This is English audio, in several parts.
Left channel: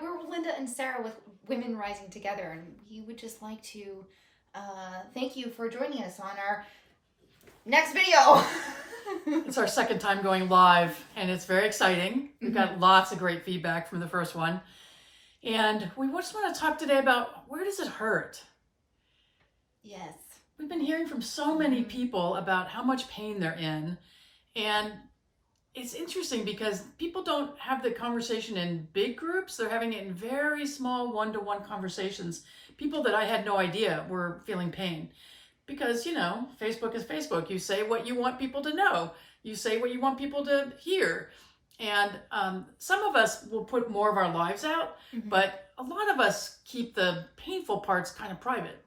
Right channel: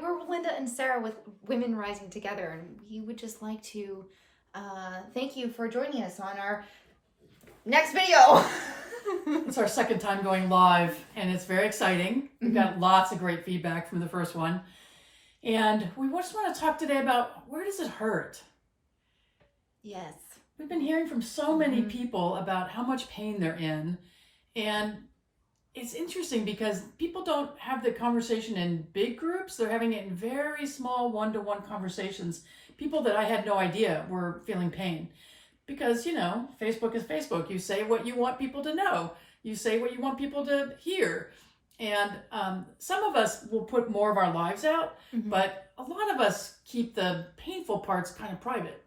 we're Linda and Sarah with Women Rising Together, and we would just like to thank you for joining us on our next video. It's our second time going live, and it's very exciting. We've got lots of great feedback from the first one. And we just want to talk today about, where does it hurt? Yes. We've been hearing from so many people about how much pain they're in. And it's interesting because people don't have the conversation in big groups. They're having it in very small one-to-one conversations. People that I had no idea were feeling pain. Because, you know, Facebook is Facebook. You say what you want people to know. You say what you want people to hear. And some of us will put more of our lives out, but a lot of us keep the painful parts kind of private.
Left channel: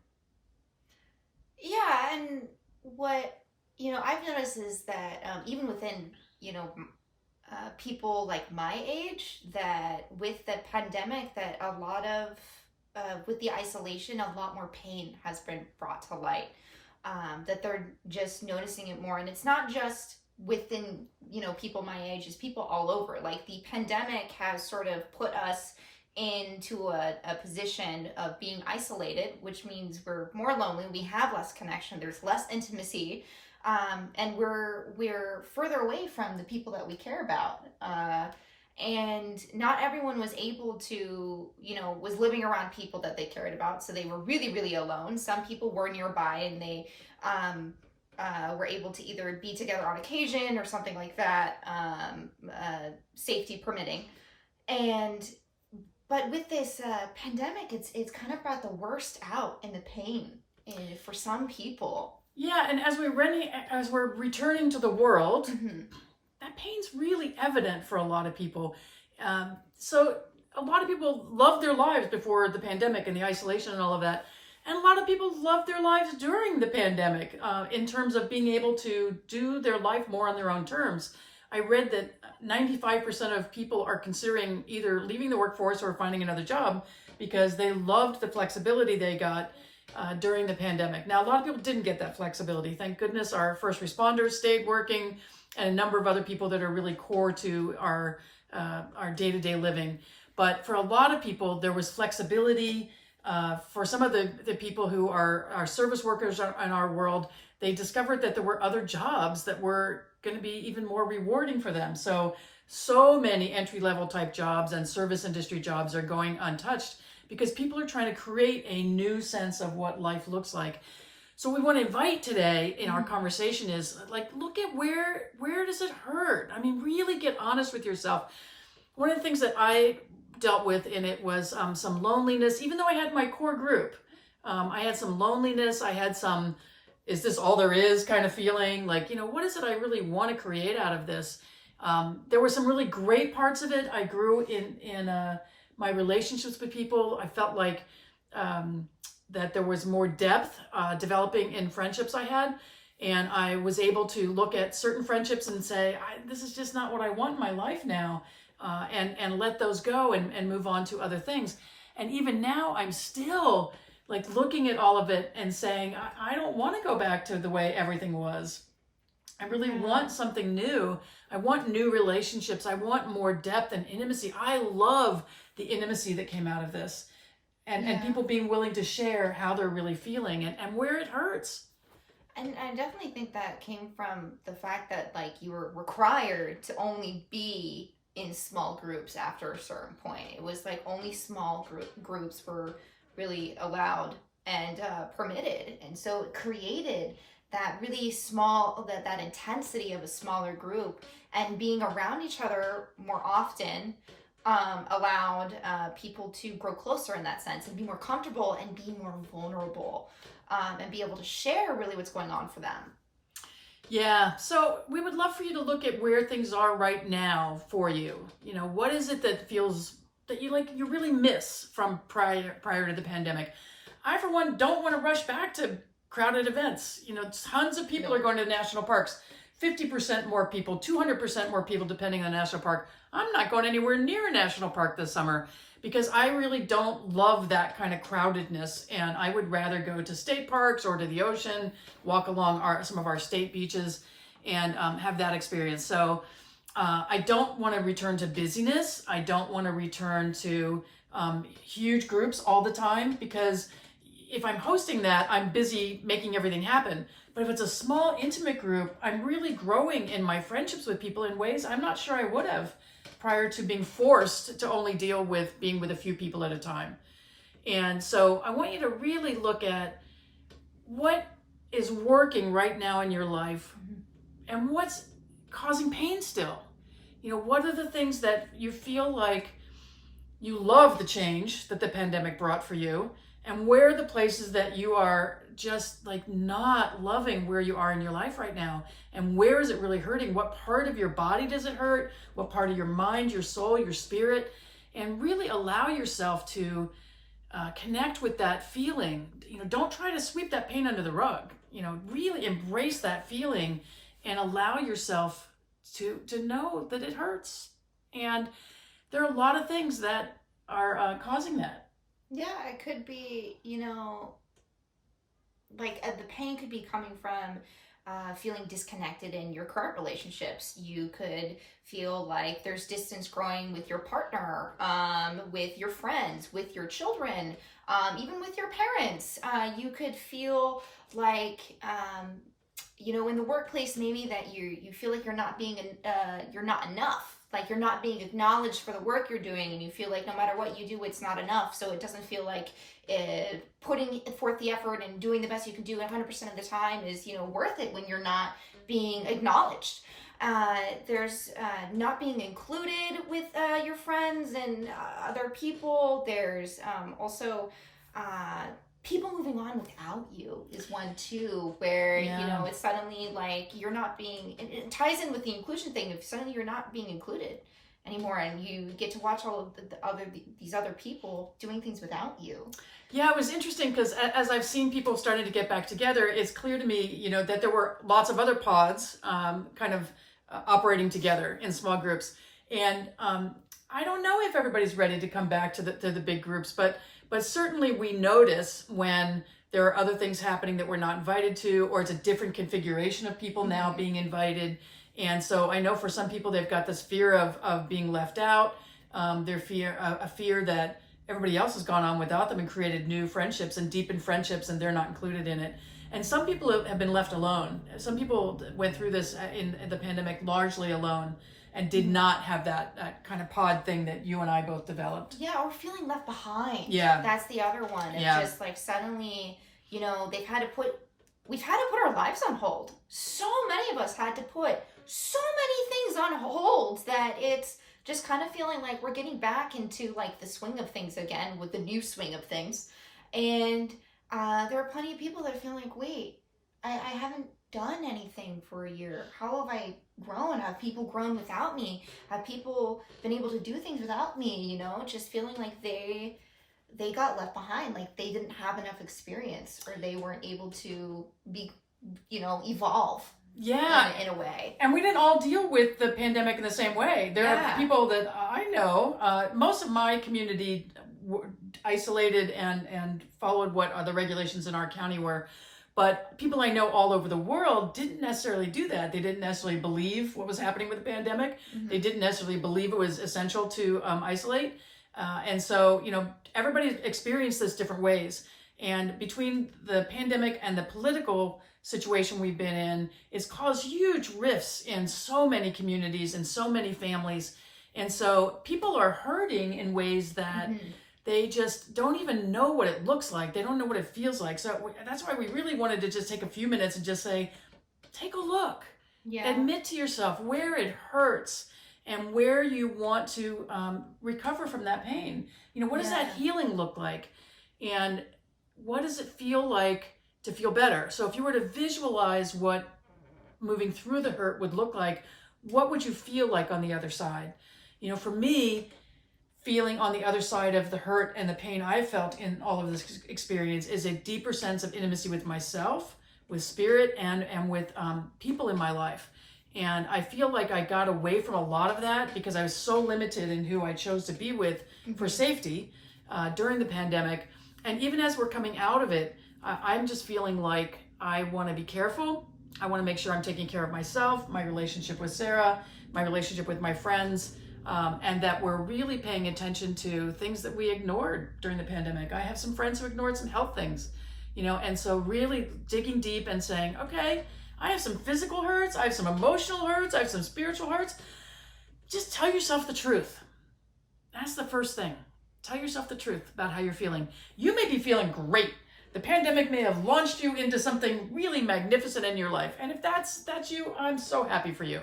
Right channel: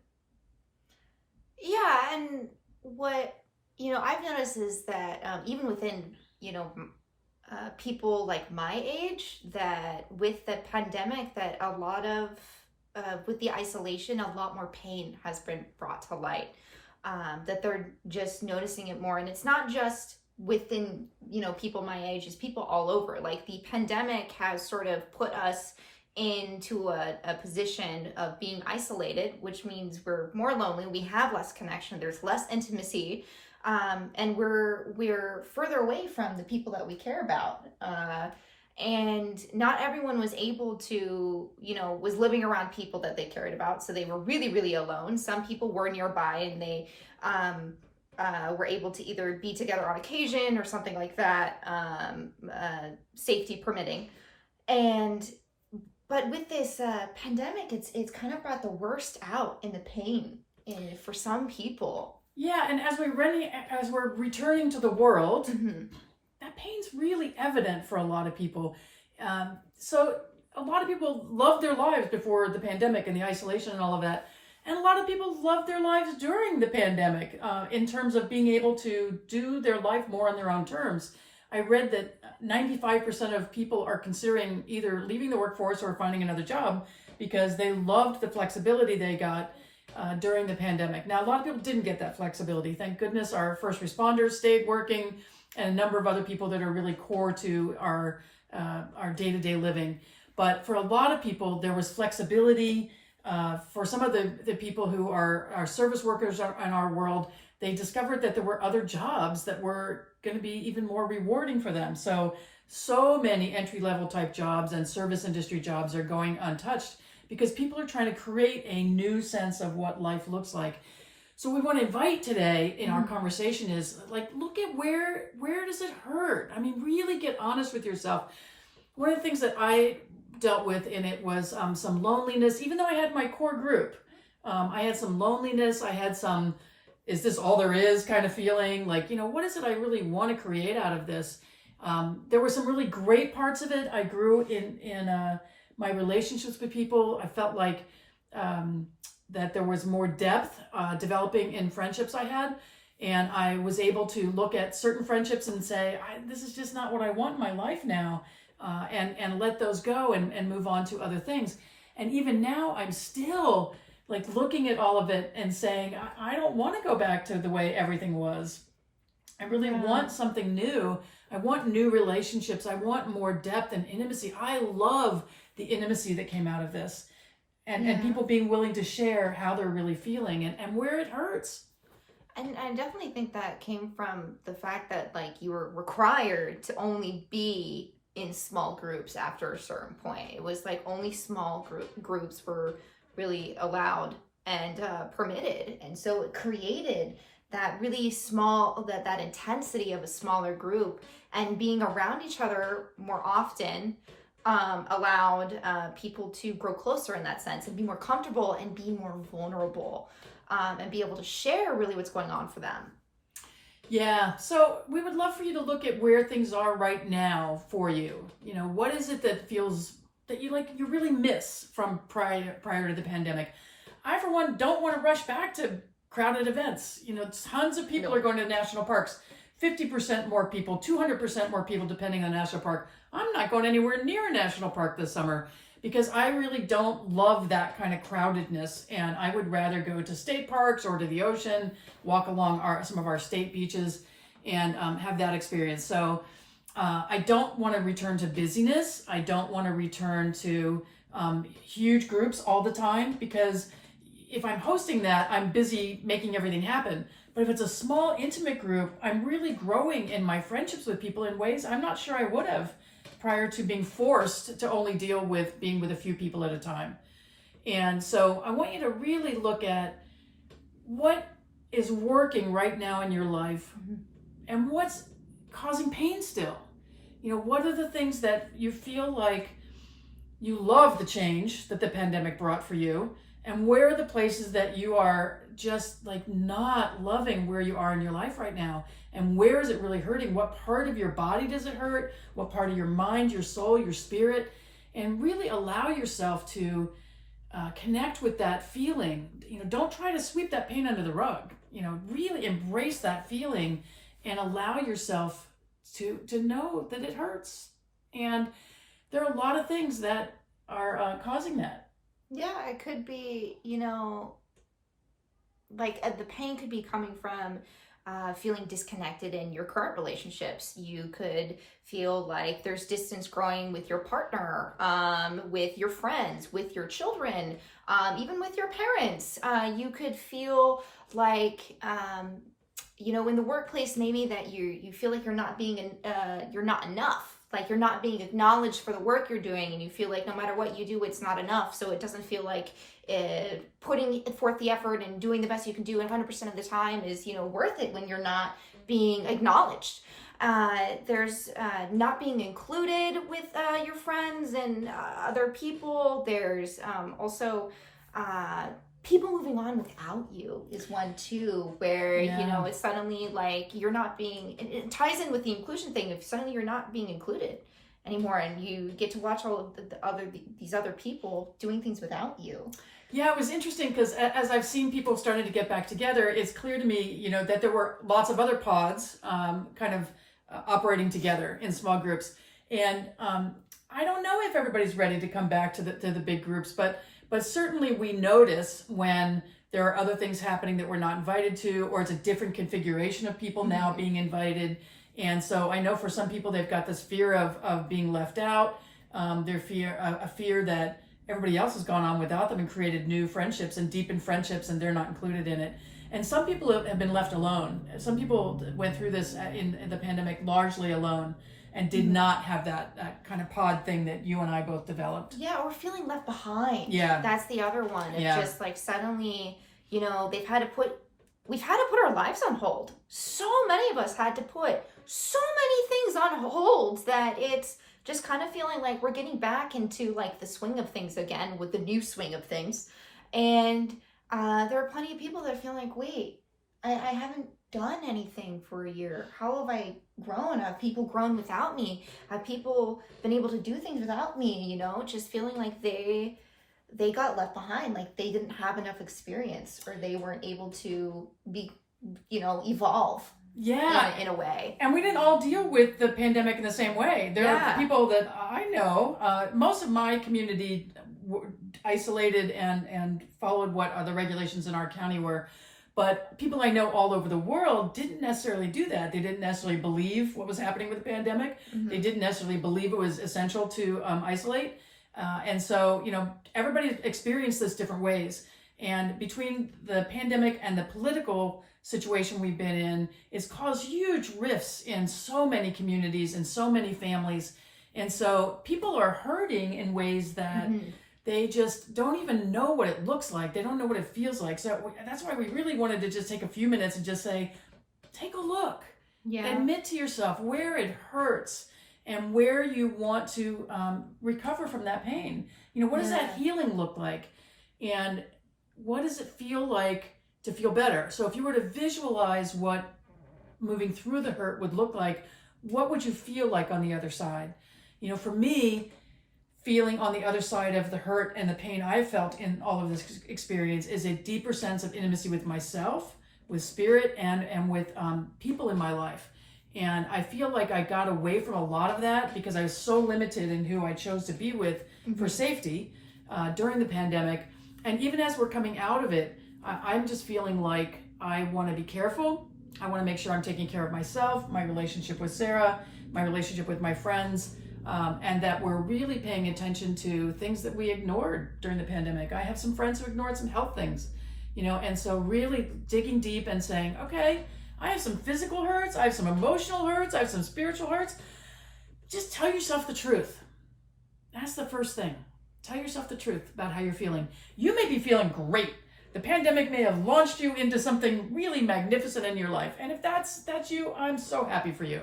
Yeah, and what, I've noticed is that even within, people like my age, that with the pandemic, that a lot of, with the isolation, a lot more pain has been brought to light. That they're just noticing it more. And it's not just within, people my age, it's people all over. Like, the pandemic has sort of put us into a position of being isolated, which means we're more lonely, we have less connection, there's less intimacy, and we're further away from the people that we care about. And not everyone was able to, was living around people that they cared about. So they were really, really alone. Some people were nearby and they were able to either be together on occasion or something like that, safety permitting. But with this pandemic, it's kind of brought the worst out in the pain for some people. Yeah, and as we're returning to the world, that pain's really evident for a lot of people. So a lot of people loved their lives before the pandemic and the isolation and all of that. And a lot of people loved their lives during the pandemic in terms of being able to do their life more on their own terms. I read that 95% of people are considering either leaving the workforce or finding another job because they loved the flexibility they got during the pandemic. Now, a lot of people didn't get that flexibility. Thank goodness our first responders stayed working, and a number of other people that are really core to our day-to-day living. But for a lot of people, there was flexibility. For some of the people who are service workers in our world, they discovered that there were other jobs that were going to be even more rewarding for them. So many entry-level type jobs and service industry jobs are going untouched because people are trying to create a new sense of what life looks like. So we want to invite today in our conversation is, like, look at where does it hurt? I mean, really get honest with yourself. One of the things that I dealt with in it was some loneliness. Even though I had my core group, I had some loneliness. I had some, is this all there is kind of feeling, like, what is it I really want to create out of this? There were some really great parts of it. I grew in my relationships with people. I felt like that there was more depth developing in friendships I had. And I was able to look at certain friendships and say, this is just not what I want in my life now. And let those go and move on to other things. And even now, I'm still like looking at all of it and saying, I don't want to go back to the way everything was. I really want something new. I want new relationships. I want more depth and intimacy. I love the intimacy that came out of this. And people being willing to share how they're really feeling and where it hurts. And I definitely think that came from the fact that, like, you were required to only be in small groups after a certain point. It was like only small groups were really allowed and permitted. And so it created that really small, that intensity of a smaller group, and being around each other more often allowed people to grow closer in that sense and be more comfortable and be more vulnerable and be able to share really what's going on for them. Yeah, so we would love for you to look at where things are right now for you. What is it that feels that you really miss from prior to the pandemic? I, for one, don't want to rush back to crowded events. Tons of people are going to national parks. 50% more people, 200% more people, depending on the national park. I'm not going anywhere near a national park this summer because I really don't love that kind of crowdedness. And I would rather go to state parks or to the ocean, walk along some of our state beaches and have that experience. So I don't want to return to busyness. I don't want to return to huge groups all the time, because if I'm hosting that, I'm busy making everything happen. But if it's a small, intimate group, I'm really growing in my friendships with people in ways I'm not sure I would have prior to being forced to only deal with being with a few people at a time. And so I want you to really look at what is working right now in your life and what's causing pain still. What are the things that you feel like you love the change that the pandemic brought for you, and where are the places that you are just like not loving where you are in your life right now, and where is it really hurting? What part of your body does it hurt? What part of your mind, your soul, your spirit? And really allow yourself to connect with that feeling. Don't try to sweep that pain under the rug. Really embrace that feeling and allow yourself to know that it hurts. And there are a lot of things that are causing that. Yeah, it could be, the pain could be coming from feeling disconnected in your current relationships. You could feel like there's distance growing with your partner, with your friends, with your children, even with your parents. You could feel like, in the workplace, maybe that you feel like you're not enough. Like you're not being acknowledged for the work you're doing, and you feel like no matter what you do, it's not enough. So it doesn't feel like putting forth the effort and doing the best you can do 100% of the time is, worth it when you're not being acknowledged. There's not being included with your friends and other people. There's also people moving on without you is one too, where it's suddenly like you're not being, it ties in with the inclusion thing. If suddenly you're not being included anymore, and you get to watch all of these other people doing things without you. Yeah, it was interesting because as I've seen people starting to get back together, it's clear to me, that there were lots of other pods operating together in small groups. And I don't know if everybody's ready to come back to the big groups, but certainly we notice when there are other things happening that we're not invited to, or it's a different configuration of people now being invited. And so I know for some people, they've got this fear of being left out, a fear that everybody else has gone on without them and created new friendships and deepened friendships, and they're not included in it. And some people have been left alone. Some people went through this in the pandemic largely alone, and did not have that kind of pod thing that you and I both developed. Yeah, or feeling left behind. Yeah. That's the other one. It's just like suddenly, we've had to put our lives on hold. So many of us had to put so many things on hold that it's just kind of feeling like we're getting back into like the swing of things again, with the new swing of things. And there are plenty of people that feel like, wait, I haven't done anything for a year. How have I grown? Have people grown without me? Have people been able to do things without me? Just feeling like they got left behind, like they didn't have enough experience, or they weren't able to be, evolve. Yeah, in a way. And we didn't all deal with the pandemic in the same way. There are people that I know, most of my community isolated and followed what the regulations in our county were. But people I know all over the world didn't necessarily do that. They didn't necessarily believe what was happening with the pandemic. They didn't necessarily believe it was essential to isolate. And so, everybody experienced this different ways. And between the pandemic and the political situation we've been in, it's caused huge rifts in so many communities and so many families. And so people are hurting in ways that they just don't even know what it looks like. They don't know what it feels like. So that's why we really wanted to just take a few minutes and just say, take a look. Yeah. Admit to yourself where it hurts and where you want to recover from that pain. What does that healing look like? And what does it feel like to feel better? So if you were to visualize what moving through the hurt would look like, what would you feel like on the other side? For me, feeling on the other side of the hurt and the pain I felt in all of this experience is a deeper sense of intimacy with myself, with spirit, and with people in my life. And I feel like I got away from a lot of that because I was so limited in who I chose to be with for safety during the pandemic. And even as we're coming out of it, I'm just feeling like I want to be careful. I want to make sure I'm taking care of myself, my relationship with Sarah, my relationship with my friends, and that we're really paying attention to things that we ignored during the pandemic. I have some friends who ignored some health things, and so really digging deep and saying, okay, I have some physical hurts, I have some emotional hurts, I have some spiritual hurts. Just tell yourself the truth. That's the first thing. Tell yourself the truth about how you're feeling. You may be feeling great. The pandemic may have launched you into something really magnificent in your life. And if that's you, I'm so happy for you.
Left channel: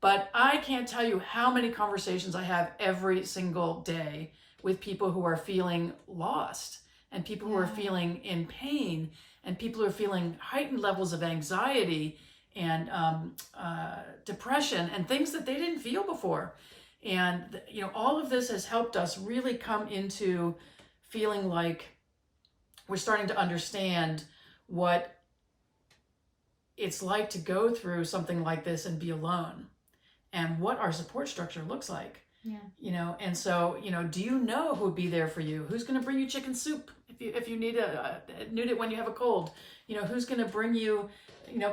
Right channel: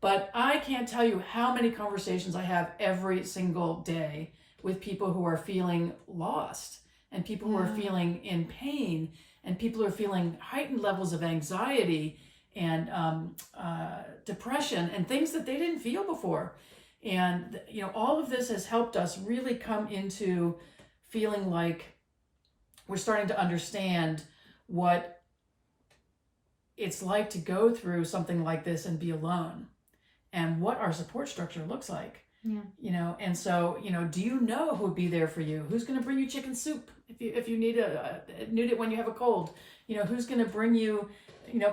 But I can't tell you how many conversations I have every single day with people who are feeling lost, and people who are feeling in pain, and people who are feeling heightened levels of anxiety and depression and things that they didn't feel before. And, all of this has helped us really come into feeling like we're starting to understand what it's like to go through something like this and be alone, and what our support structure looks like. Yeah. And so, do you know who would be there for you? Who's going to bring you chicken soup if you need it when you have a cold? Who's going to bring you,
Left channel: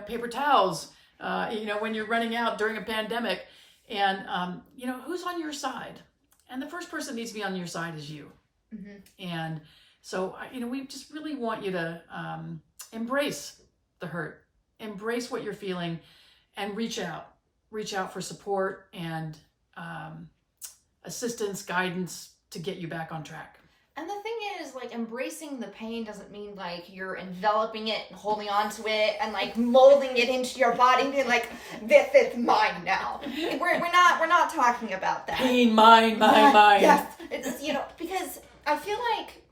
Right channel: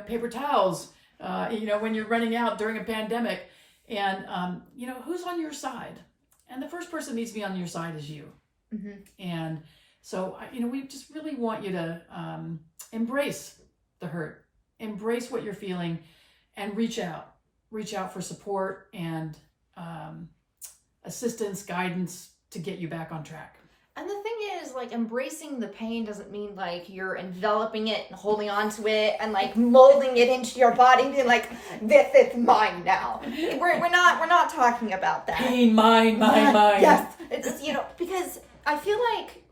paper towels, when you're running out during a pandemic? And, who's on your side? And the first person that needs to be on your side is you. Mm-hmm. And so, we just really want you to embrace the hurt, embrace what you're feeling, and reach out for support and assistance, guidance to get you back on track. And the thing is, like, embracing the pain doesn't mean like you're enveloping it and holding on to it and like molding it into your body and being like, this is mine now. We're not talking about that. Pain, mine. Yes. It's, because I feel like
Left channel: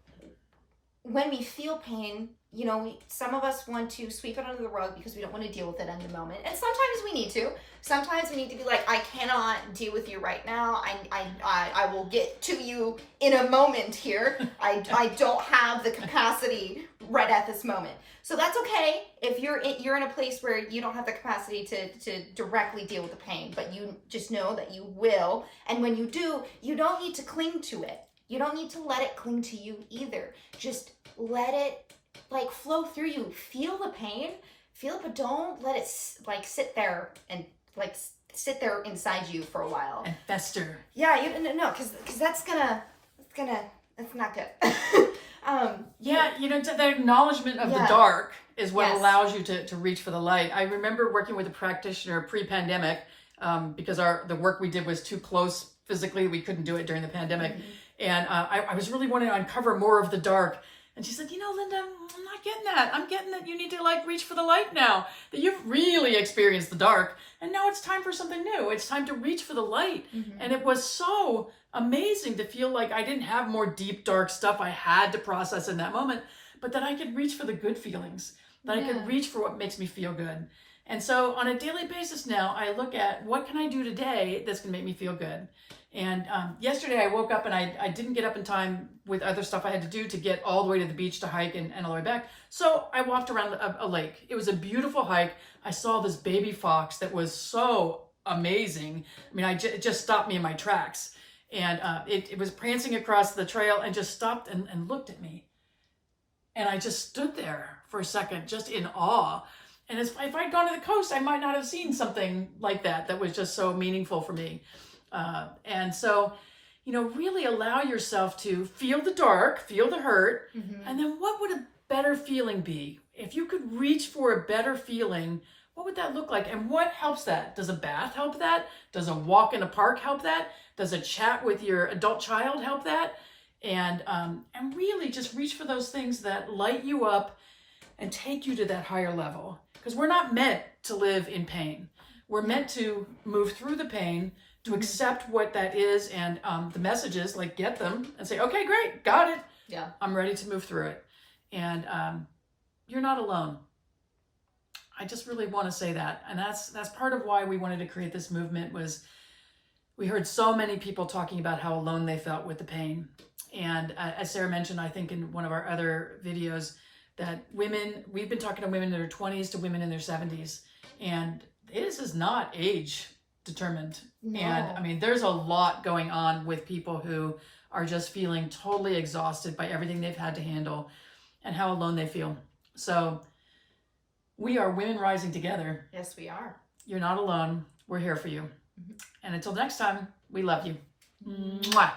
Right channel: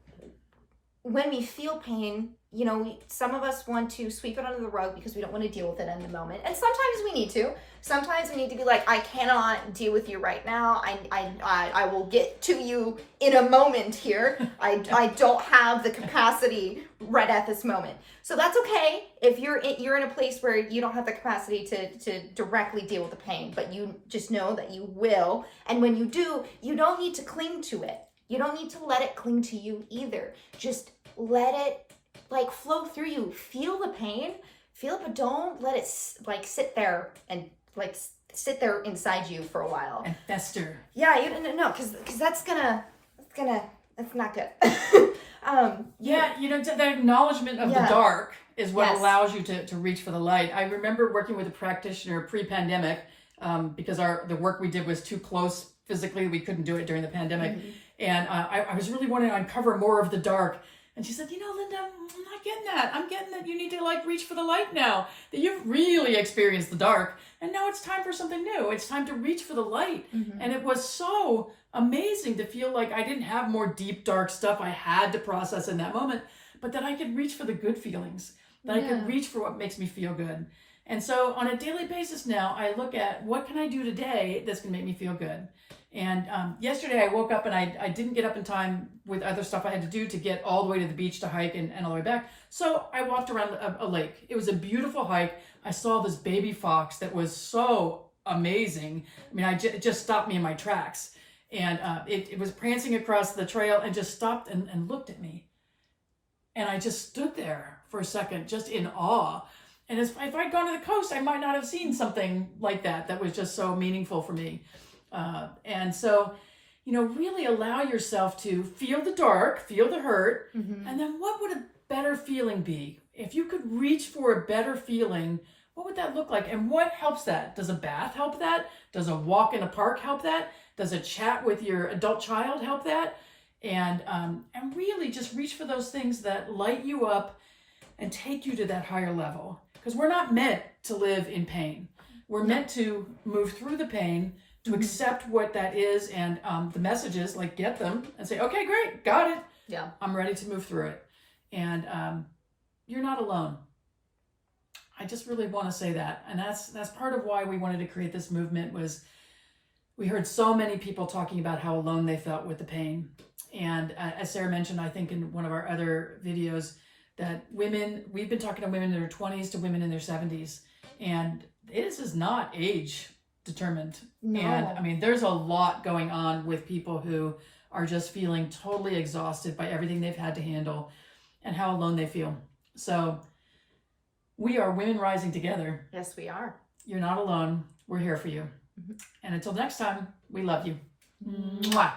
when we feel pain, some of us want to sweep it under the rug because we don't want to deal with it in the moment. And sometimes we need to. Sometimes we need to be like, I cannot deal with you right now. I will get to you in a moment here. I don't have the capacity right at this moment. So that's okay if you're in a place where you don't have the capacity to directly deal with the pain, but you just know that you will. And when you do, you don't need to cling to it. You don't need to let it cling to you either. Just let it flow through you. Feel the pain, but don't let it sit there and sit there inside you for a while and fester. Yeah, no, because that's not good. The acknowledgement of the dark is what allows you to reach for the light. I remember working with a practitioner pre-pandemic because the work we did was too close physically. We couldn't do it during the pandemic. Mm-hmm. And I was really wanting to uncover more of the dark. And she said, Linda, I'm not getting that. I'm getting that you need to reach for the light now, that you've really experienced the dark. And now it's time for something new. It's time to reach for the light. Mm-hmm. And it was so amazing to feel like I didn't have more deep, dark stuff I had to process in that moment, but that I could reach for the good feelings, that I could reach for what makes me feel good. And so on a daily basis now, I look at what can I do today that's going to make me feel good. And yesterday I woke up and I didn't get up in time with other stuff I had to do to get all the way to the beach to hike and all the way back. So I walked around a lake. It was a beautiful hike. I saw this baby fox that was so amazing. I mean, it just stopped me in my tracks. And it was prancing across the trail and just stopped and looked at me. And I just stood there for a second, just in awe. And if I'd gone to the coast, I might not have seen something like that was just so meaningful for me. And so, really allow yourself to feel the dark, feel the hurt, mm-hmm. and then what would a better feeling be? If you could reach for a better feeling, what would that look like? And what helps that? Does a bath help that? Does a walk in a park help that? Does a chat with your adult child help that? And really just reach for those things that light you up and take you to that higher level. Because we're not meant to live in pain. We're meant to move through the pain, to accept what that is, and the messages, get them and say, okay, great, got it. Yeah. I'm ready to move through it. And you're not alone. I just really want to say that. And that's part of why we wanted to create this movement. Was we heard so many people talking about how alone they felt with the pain. And as Sarah mentioned, I think in one of our other videos, that we've been talking to women in their 20s to women in their 70s. And this is not age determined. No. And I mean, there's a lot going on with people who are just feeling totally exhausted by everything they've had to handle and how alone they feel. So we are women rising together. Yes, we are. You're not alone. We're here for you. And until next time, we love you. Mwah.